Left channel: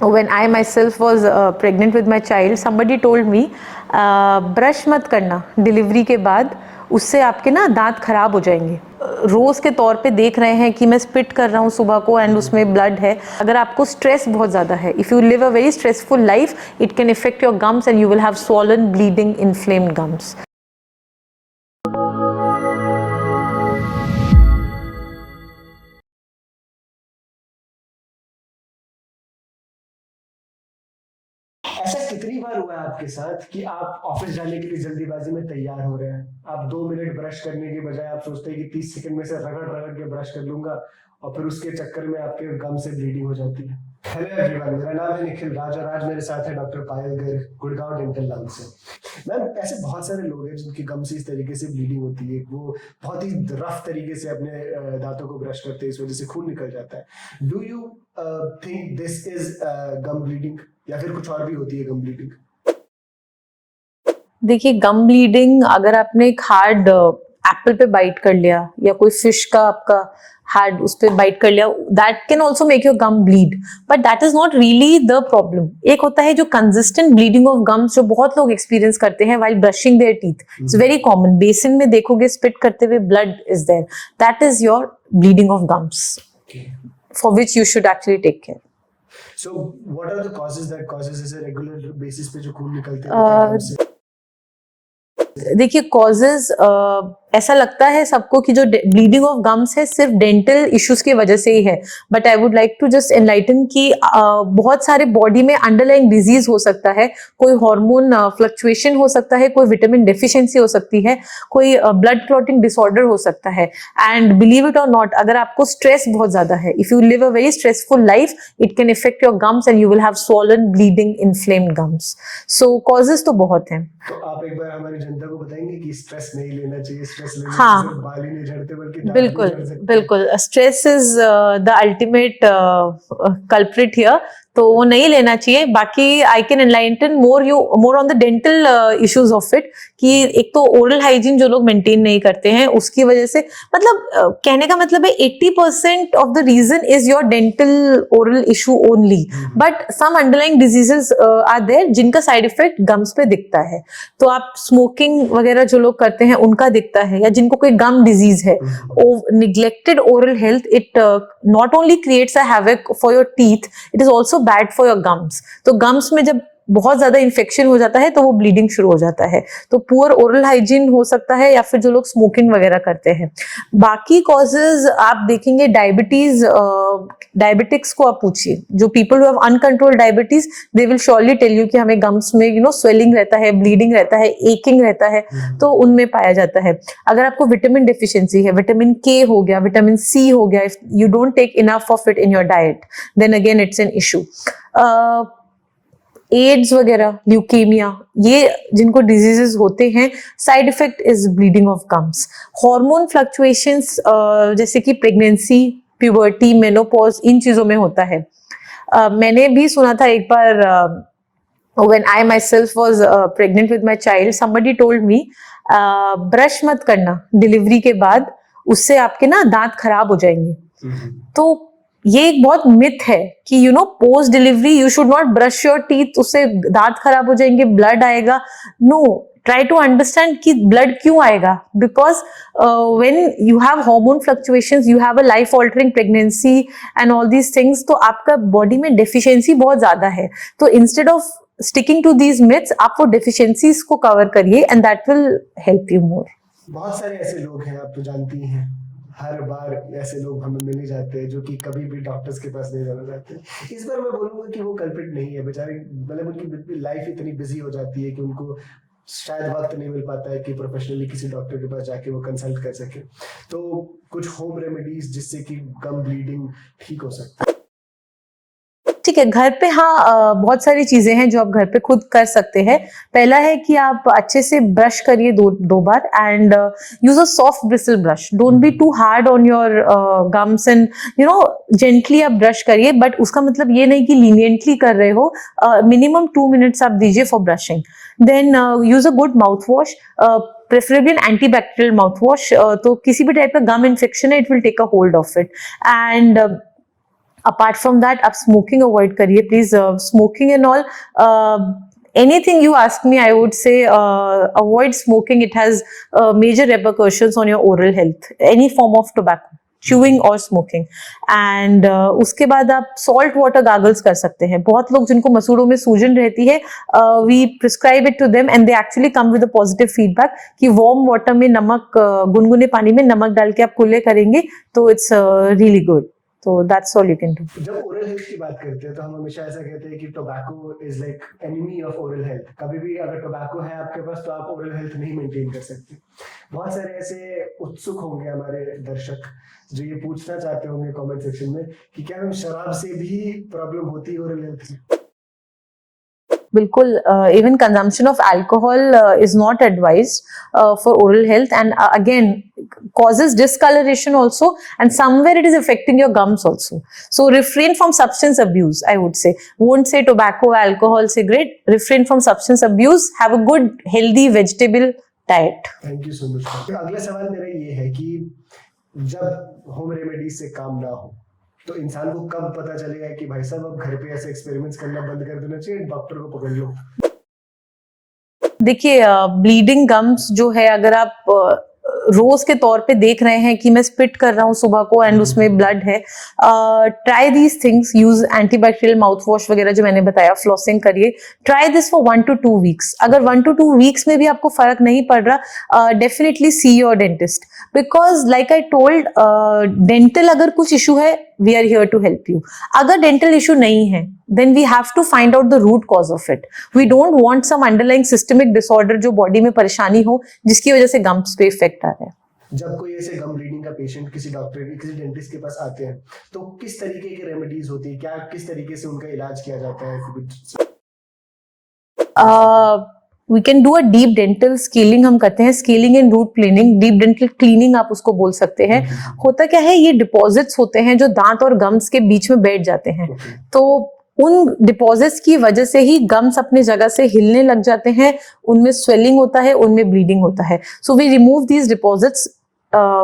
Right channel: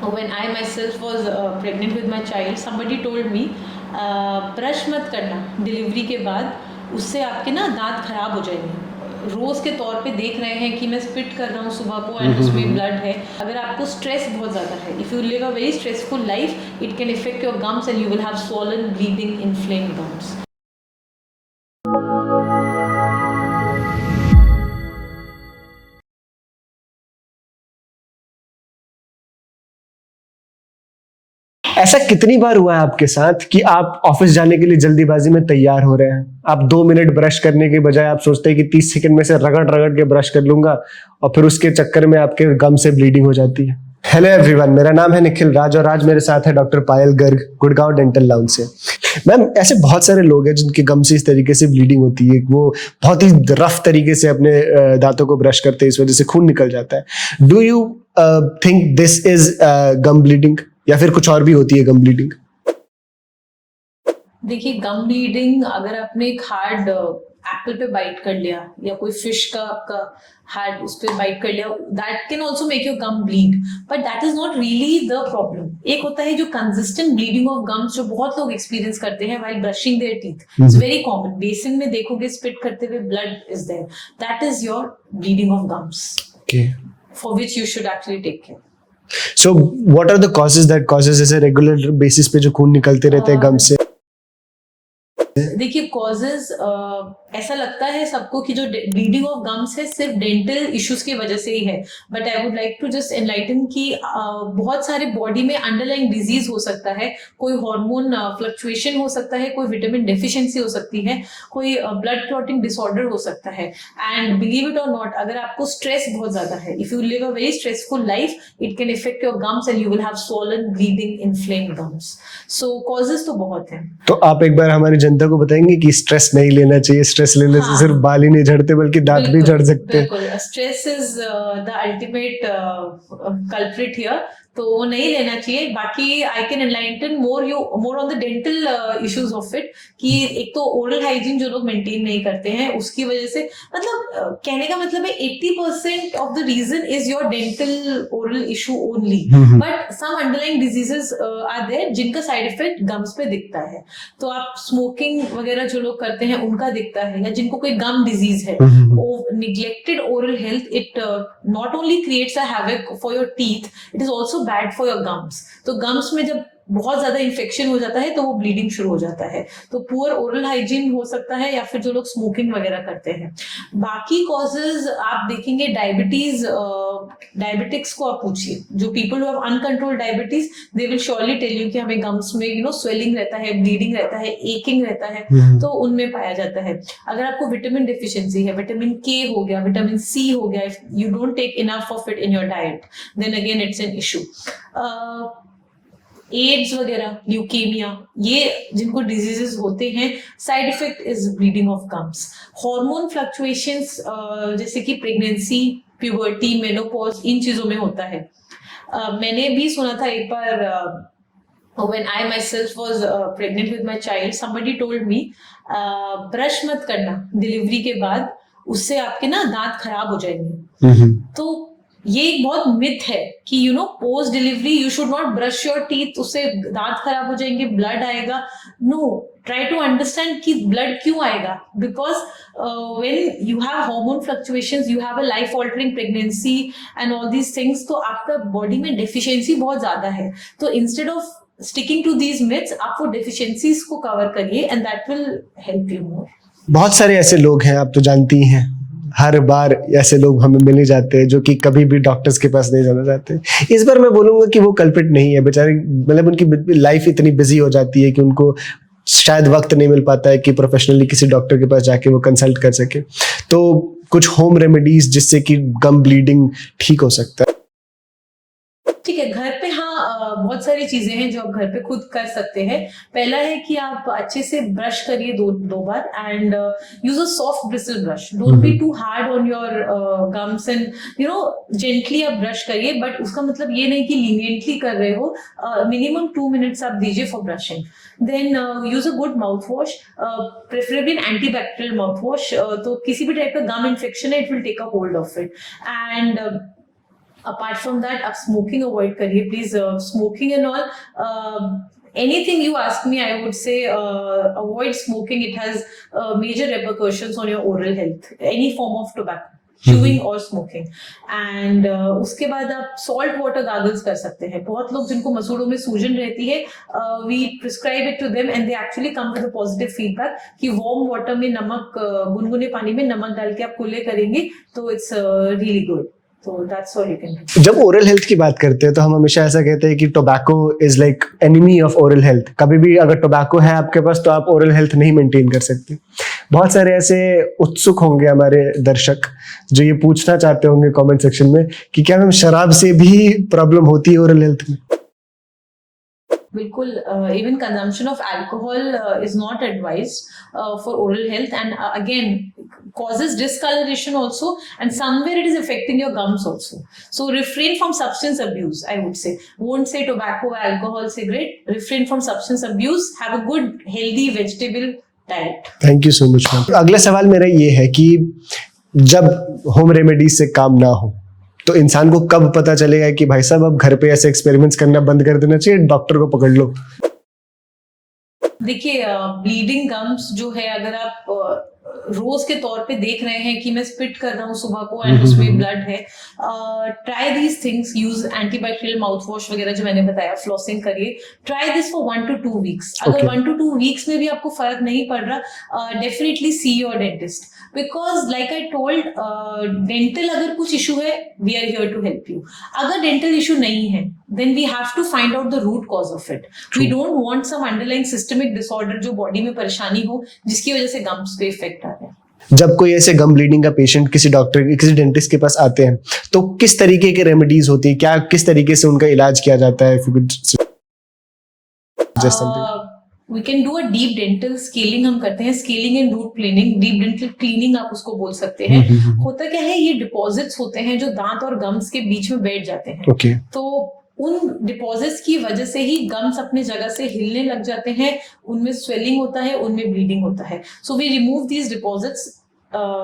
When I myself was pregnant with my child, somebody told me brush मत करना delivery के बाद, उससे आपके ना दांत खराब हो जाएंगे। रोज के तौर पे देख रहे हैं कि मैं स्पिट कर रहा हूँ सुबह को एंड उसमें ब्लड है। अगर आपको स्ट्रेस बहुत ज़्यादा है, if you live a very stressful life, it can effect your gums and you will have swollen, bleeding, inflamed gums. ऐसा कितनी बार हुआ है आपके साथ कि आप ऑफिस जाने के लिए जल्दीबाजी में तैयार हो रहे हैं, आप 2 मिनट ब्रश करने के बजाय आप सोचते हैं कि 30 सेकंड में से रगड़ रगड़ के ब्रश कर लूंगा और फिर उसके चक्कर में आपके गम से ब्लीडिंग हो जाती है। हेलो एवरीवन, मेरा नाम है निखिल राज और आज मेरे साथ है डॉक्टर पायल गर्ग, गुड़गांव डेंटल लाउंज से। मैम, ऐसे बहुत सारे लोग हैं जिनके गम से इस तरीके से ब्लीडिंग होती है, वो बहुत ही रफ तरीके से अपने दांतों को ब्रश करते हैं, इस वजह से खून निकल जाता है। Do you think this is gum bleeding या फिर कुछ और भी होती है गम ब्लीडिंग? देखिए, गम ब्लीडिंग अगर आपने एक हार्ड एप्पल पे बाइट कर लिया या कोई फिश का आपका हार्ड उस पे बाइट कर लिया, that can also make your gum bleed, but that is not really the problem. एक होता है जो कंसिस्टेंट ब्लीडिंग ऑफ गम्स, जो बहुत लोग एक्सपीरियंस करते हैं while brushing their teeth. It's very common, basin में देखोगे स्पिट करते हुए blood is there, that is your bleeding of gums, for which you should actually take care. So what are the causes that causes ऐसे regular basis पे जो खून निकलते रहते हैं गम से? देखिए, कॉजेज ऐसा लगता है सबको कि जो ब्लीडिंग ऑफ गम्स है सिर्फ डेंटल इश्यूज की वजह से ही है, but I would like to just enlighten कि बहुत सारे बॉडी में अंडरलाइंग डिजीज हो सकता है, कोई हार्मोन फ्लक्चुएशन हो सकता है, कोई विटामिन डेफिशिएंसी हो सकती है, कोई ब्लड क्लॉटिंग डिसऑर्डर हो सकता है। एंड बिलीव इट और नॉट, अगर आपको स्ट्रेस बहुत ज्यादा है, if you live a very stressful life, it can effect your gums and you will have swollen, bleeding, inflamed gums. So causes तो बहुत हैं। तो आप एक बार हमारी जनता को बताएंगे कि स्ट्रेस नहीं लेना चाहिए, स्ट्रेस लेने से सिर्फ बाल ही नहीं झड़ते बल्कि दांत भी झड़ सकते हैं। बिल्कुल, stress is the ultimate culprit here, तो वो नहीं लेना चाहिए। बाकी I can enlighten more on the dental issues of it, कि एक तो ओरल हाइजीन जो लोग मेंटेन नहीं करते हैं उसकी वजह से, मतलब कहने का मतलब है 80% of the reason is your dental oral issue only, but some underlying diseases are there जिनका साइड इफेक्ट गम्स पे दिखता है। तो आप स्मोकिंग वगैरह जो लोग करते हैं उनका दिखता है, या जिनको कोई गम डिजीज है, neglected oral health, it not only creates a havoc for your teeth, it is also bad for your gums. तो गम्स में जब बहुत ज्यादा इन्फेक्शन हो जाता है तो वो ब्लीडिंग शुरू हो जाता है। तो पुअर ओरल हाइजीन हो सकता है, या फिर जो लोग स्मोकिंग वगैरह करते हैं। बाकी कॉजेज आप देखेंगे, डायबिटीज, डायबिटिक्स को आप पूछिए, जो people who have uncontrolled diabetes, they will surely tell you कि हमें गम्स में स्वेलिंग रहता है, ब्लीडिंग रहता है, एकिंग रहता है, तो उनमें पाया जाता है। अगर आपको विटामिन डेफिशिएंसी है, विटामिन के हो गया, विटामिन सी हो गया, if you don't take enough of it in your diet, then again it's an issue. AIDS वगैरह, ल्यूकेमिया, ये जिनको डिजीजेस होते हैं, side effect is bleeding of gums. Hormone fluctuations जैसे कि प्रेगनेंसी, प्यूबर्टी, मेनोपॉज, इन चीजों में होता है। मैंने भी सुना था एक बार, when I myself was pregnant with my child, somebody told me brush मत करना डिलीवरी के बाद, उससे आपके ना दांत खराब हो जाएंगे। तो ये एक बहुत मिथ है कि post delivery you should not brush your teeth, उससे दांत खराब हो जाएंगे, ब्लड आएगा। नो, ट्राई टू अंडरस्टैंड कि ब्लड क्यों आएगा, because when you have hormone fluctuations, you have a life altering pregnancy and all these things, तो आपका बॉडी में डेफिशिएंसी बहुत ज्यादा है। तो instead of sticking to these myths, आप वो डेफिशिएंसीज को कवर करिए and that will help you मोर। बहुत सारे ऐसे लोग हैं, आप तो जानती हैं, हर बार ऐसे लोग हमें मिल ही जाते हैं जो कि कभी भी डॉक्टर्स के पास नहीं जाना चाहते। इस बार मैं बोलूंगा कि वो कल्प्रिट नहीं है, बेचारे, मतलब उनकी लाइफ इतनी बिजी हो जाती है कि उनको शायद वक्त नहीं मिल पाता है कि प्रोफेशनली किसी डॉक्टर के पास जाके वो कंसल्ट कर सके। तो कुछ होम रेमेडीज जिससे कि गम ब्लीडिंग ठीक हो सकता है? ठीक है, घर पे बहुत सारी चीजें हैं जो आप घर पे खुद कर सकते हैं। पहला है कि आप अच्छे से ब्रश करिए दो बार, and use a soft bristle brush, don't be too hard on your gums, and gently आप ब्रश करिए, बट उसका मतलब ये नहीं कि लीनियंटली कर रहे हो। मिनिमम 2 मिनट्स आप दीजिए for brushing. Then use a good mouth wash, preferably an antibacterial mouth wash. तो किसी भी टाइप का गम इन्फेक्शन है, it will take a hold of it. And apart from that, आप smoking avoid करिए please. Smoking and all, anything you ask me, I would say avoid smoking. It has major repercussions on your oral health. Any form of tobacco, chewing or smoking. And उसके बाद आप salt water gargles कर सकते हैं. बहुत लोग जिनको मसूड़ों में सूजन रहती है, we prescribe it to them and they actually come with a positive feedback कि warm water में नमक, गुनगुने पानी में नमक डाल के आप कुल्ले करेंगे तो it's really good. So that's all you can do. जब ओरल हेल्थ की बात करते हैं तो हम हमेशा ऐसा कहते हैं कि tobacco is like enemy of oral health. कभी भी अगर टोबैको है आपके पास तो आप ओरल हेल्थ नहीं मेंटेन कर सकते. बहुत सारे ऐसे उत्सुक होंगे हमारे दर्शक जो ये पूछना चाहते होंगे कमेंट सेक्शन में कि क्या मैम शराब से भी प्रॉब्लम होती है ओरल हेल्थ में? बिल्कुल. Even consumption of alcohol is not advised for oral health, and again causes discoloration also, and somewhere it is affecting your gums also. So refrain from substance abuse, I would say. Won't say tobacco, alcohol, cigarette. Refrain from substance abuse. Have a good healthy vegetable diet. Thank you so much ma'am. अगला सवाल मेरा ये है कि जब home remedies से काम ना हो तो इंसान को कब पता चलेगा कि भाई साहब अब घर पे ऐसे एक्सपेरिमेंट्स करना बंद कर देना चाहिए, डॉक्टर को पकड़ लो? देखिए, ब्लीडिंग गम्स जो है, अगर आप रोज के तौर पे देख रहे हैं कि मैं स्पिट कर रहा हूँ सुबह को एंड उसमें ब्लड है, try these things. Use antibacterial mouth wash वगैरह जो मैंने बताया, फ्लॉसिंग करिए. Try this for 1 to 2 weeks. अगर 1 to 2 weeks में भी आपको फर्क नहीं पड़ रहा, definitely see your dentist. Because like I told, dental अगर कुछ इशू है, we are here to help you. अगर डेंटल इशू नहीं है, then we have to find out the root cause of it. We don't want some underlying systemic disorder जो body में परेशानी हो जिसकी वजह से गम्स पे इफेक्ट आ रहा है. जब कोई ऐसे गम ब्लीडिंग का पेशेंट किसी डॉक्टर, किसी डेंटिस्ट के पास आते हैं तो किस तरीके के रेमेडीज होती है, क्या किस तरीके से उनका इलाज किया जाता है? We can do a deep dental scaling. हम करते हैं scaling and root planing. Deep dental cleaning आप उसको बोल सकते हैं. होता क्या है, ये डिपॉजिट्स होते हैं जो दांत और गम्स के बीच में बैठ जाते हैं. तो उन डिपॉजिट्स की वजह से ही गम्स अपने जगह से हिलने लग जाते हैं, उनमें स्वेलिंग होता है, उनमें ब्लीडिंग होता है. So we remove these deposits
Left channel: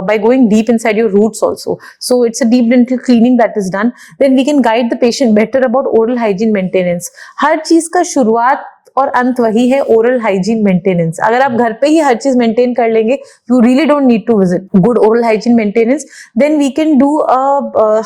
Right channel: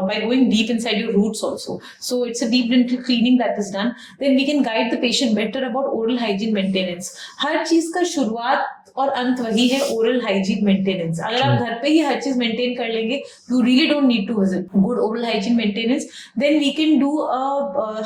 by going deep inside your roots also. So it's a deep dental cleaning that is done. Then we can guide the patient better about oral hygiene maintenance. हर चीज का शुरुआत और अंत वही है, oral hygiene maintenance. अगर आप घर पे ही हर चीज मेंटेन कर लेंगे, you really don't need to visit. Good oral hygiene maintenance. Then we can do,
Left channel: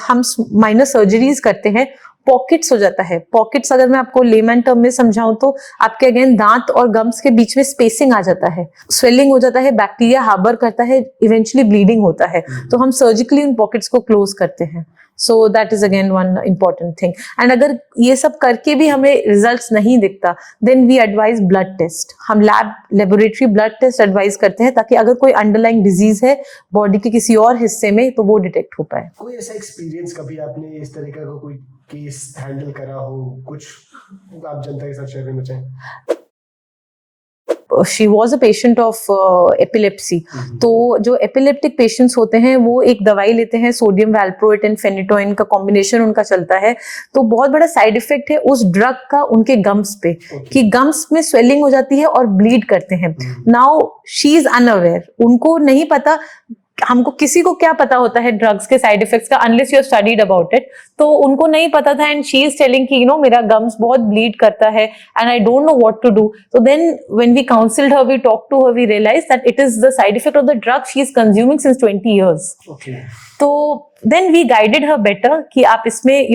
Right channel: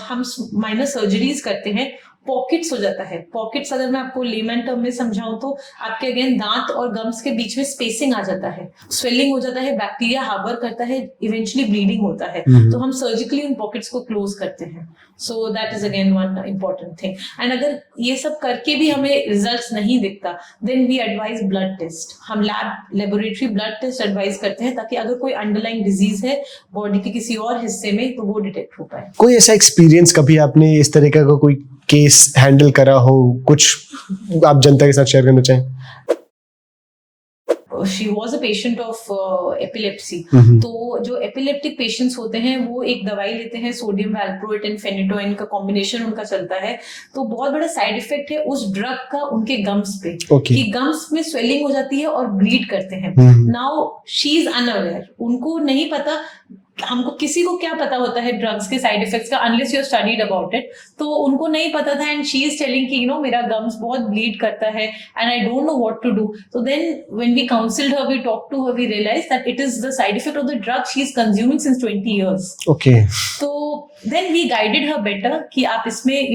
हम माइनर सर्जरीज करते हैं. पॉकेट्स हो जाता है. पॉकेट्स अगर मैं आपको लेमन टर्म में समझाऊं तो आपके अगेन दांत और गम्स के बीच में स्पेसिंग आ जाता है, स्वेलिंग हो जाता है, बैक्टीरिया हार्बर करता है, इवेंचुअली ब्लीडिंग होता है. तो हम सर्जिकली उन पॉकेट्स को क्लोज करते हैं. So that is again one important thing. And अगर ये सब करके भी हमें रिजल्ट्स नहीं दिखता, then we advise blood test. हम लेबोरेटरी ब्लड टेस्ट एडवाइज करते हैं ताकि अगर कोई अंडरलाइंग डिजीज है बॉडी के किसी और हिस्से में तो वो डिटेक्ट हो पाए. कोई ऐसा एक्सपीरियंस कभी आपने इस तरह का कोई केस हैंडल करा हो, कुछ आप जनता के साथ शेयर करना चाहें? She was a patient of epilepsy. तो जो एपिलेप्टिक पेशेंट्स होते हैं वो एक दवाई लेते हैं, सोडियम वैल्प्रोएट एंड फेनिटोइन का कॉम्बिनेशन उनका चलता है. तो बहुत बड़ा साइड इफेक्ट है उस ड्रग का उनके गम्स पे, कि गम्स में स्वेलिंग हो जाती है और ब्लीड करते हैं. नाउ शी इज अनअवेयर, उनको नहीं पता. हमको किसी को क्या पता होता है ड्रग्स के साइड इफेक्ट्स का, unless you studied about it. तो उनको नहीं पता था एंड शी इज टेलिंग कि मेरा गम्स बहुत ब्लीड करता है and I don't know what to do. तो then when we counselled her, we talk to her, we realise that it is the side effect of the drug she is consuming since 20 years. तो then we guided her better कि आप इसमें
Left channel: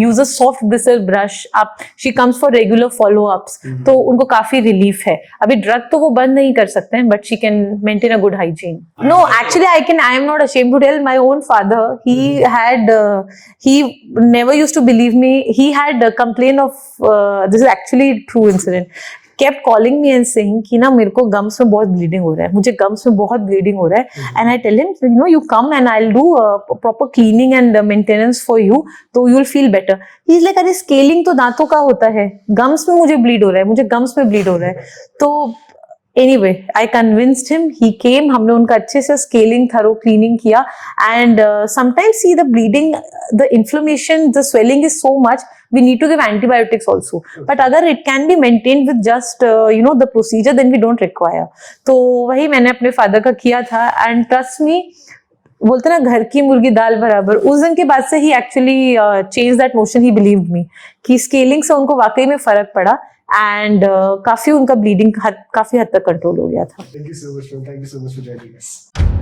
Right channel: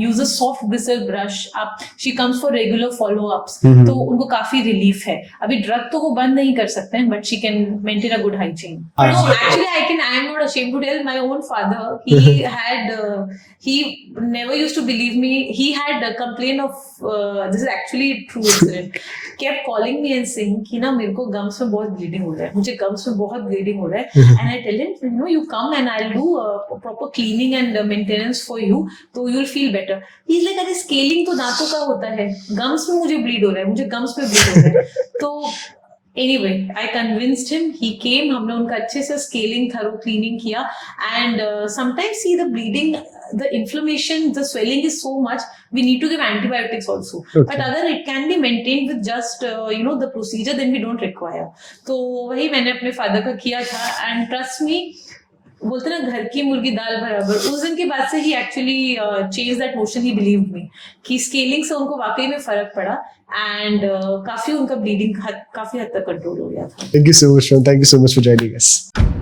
use a soft bristle brush. आप she comes for regular follow ups. तो उनको काफी relief है. अभी ड्रग तो वो बंद नहीं कर सकते हैं, but she can maintain a good hygiene. No, actually I am not ashamed to tell, my own father, he had he never used to believe me. He had a complaint of this is actually true incident. kept calling me and saying कि ना मेरे को gums में बहुत bleeding हो रहा है, मुझे गम्स में बहुत ब्लीडिंग हो रहा है. And I tell him you come and I'll do proper cleaning and maintenance for you, तो you'll feel better. He's like, अरे स्केलिंग तो दांतों का होता है, गम्स में मुझे ब्लीड हो रहा है, मुझे गम्स में ब्लीड हो रहा है. तो anyway, I convinced him. He came. हमने उनका अच्छे से scaling, thorough cleaning किया. And sometimes see the bleeding, the inflammation, the swelling is so much. We need to give antibiotics also. Okay. But अगर it can be maintained with just the procedure, then we don't require. तो वही मैंने अपने father का किया था. And trust me, बोलते ना घर की मुर्गी दाल बराबर, उस दिन के बाद से ही actually change that notion, he believed me कि स्केलिंग से उनको वाकई में फर्क पड़ा एंड काफी उनका ब्लीडिंग काफी हद तक कंट्रोल हो गया था. Thank you so much, man. Thank you so much for joining us.